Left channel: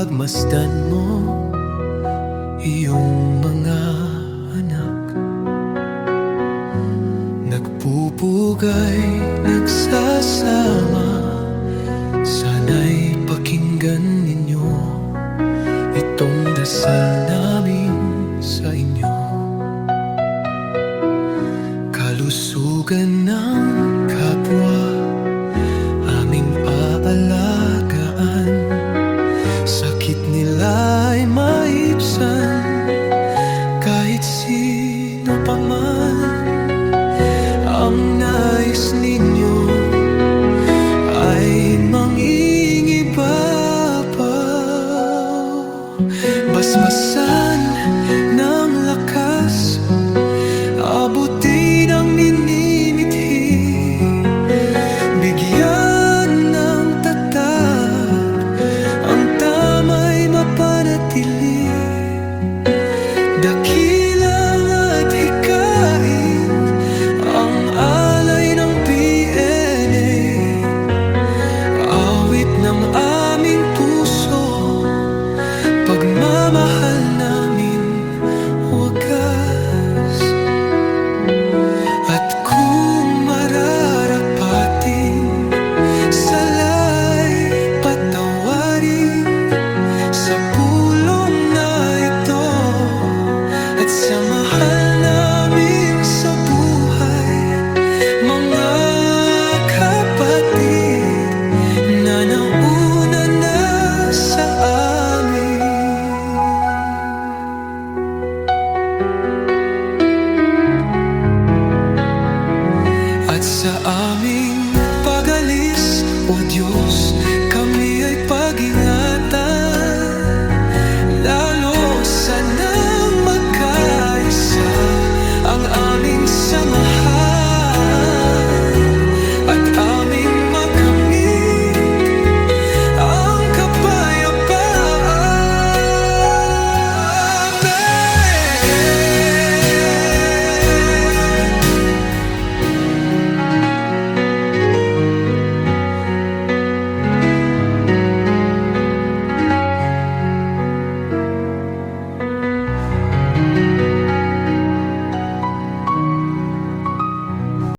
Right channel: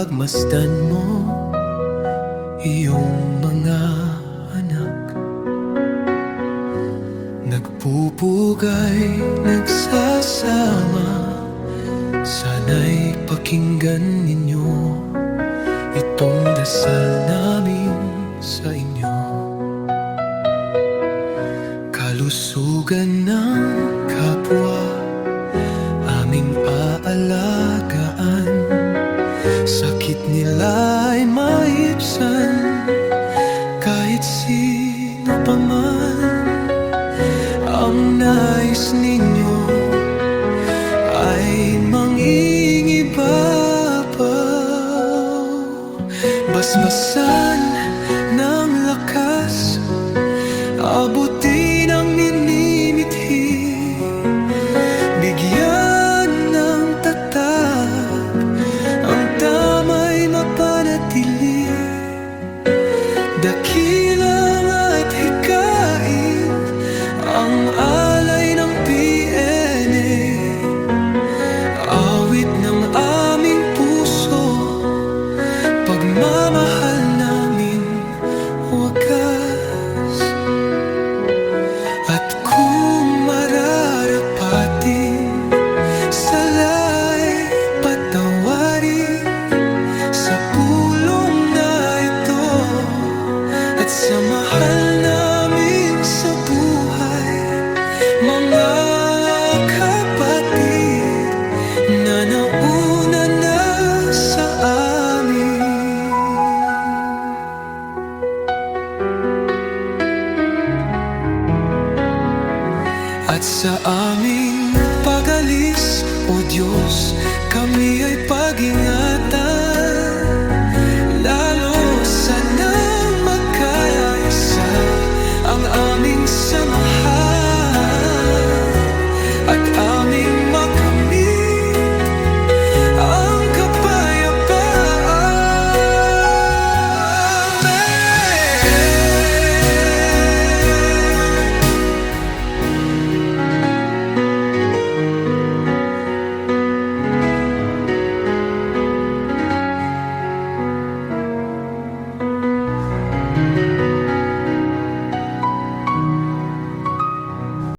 pagmasdan mo iyong mga anak. Nagpupugay, nagsasama, sana'y pakinggan ninyo itong dasal namin sa inyo. Kalusugan ng kapwa aming aalagaan, sakit nila'y maibsan kahit sino pa man. Ang nais ninyo ay mangingibabaw, basbasan ng lakas, abutin ang ninimithi, bigyan ng tatag, ang tama'y mapanatili. Dakilang at hikain ang alay ng PNA, awit ng aming puso, pagmamahal namin wagas. At kung mararapatin, sala'y patawarin sa pulong na ito at sa mahal namin sa buhay, mga kapatid na nauna na sa amin. At sa aming pag-alis, O Diyos, kami ay pag-ingatan, lalo sanang magkaisa ang aming samahan at aming